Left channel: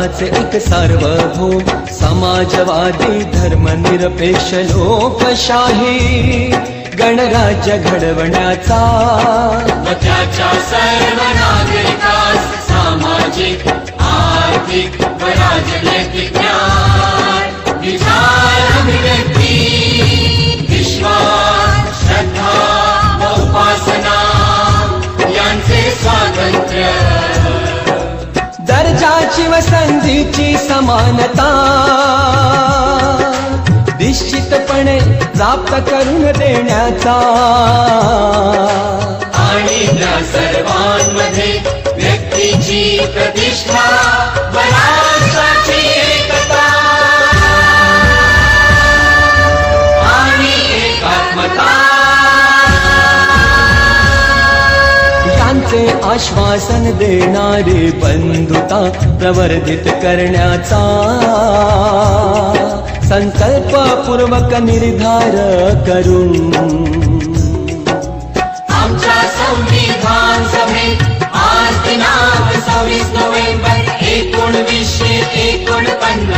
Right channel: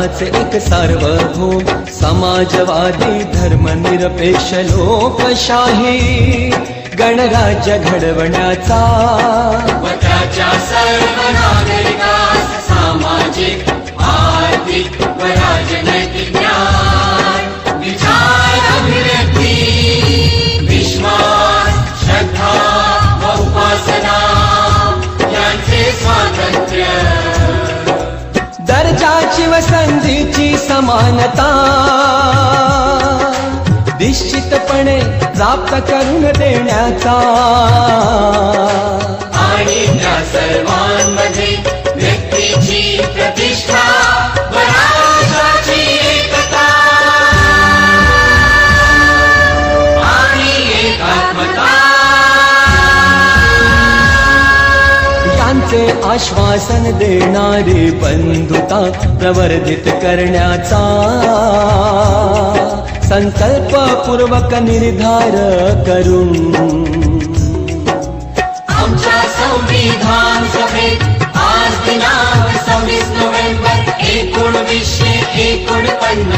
भारताचे एक सार्वभौम समाजवादी धर्मनिरपेक्ष लोकशाही गणराज्य घडवण्याचा त्याच्या सर्व नागरिकास सामाजिक आर्थिक व राजनैतिक न्याय विचार अभिव्यक्ती विश्वास श्रद्धा व उपासना यांचे स्वातंत्र्य दर्जाची व संधीची समानता निश्चितपणे प्राप्त करून देण्याचा आणि त्या सर्वांमध्ये व्यक्तीची प्रतिष्ठा व राष्ट्राची एकता आणि एकात्मता यांचे आश्वासन देणारी बंधुता प्रवर्धित करण्याचा संकल्पपूर्वक निर्धार करून आमच्या संविधान सभेत आज दिनांक 26 नोव्हेंबर 1949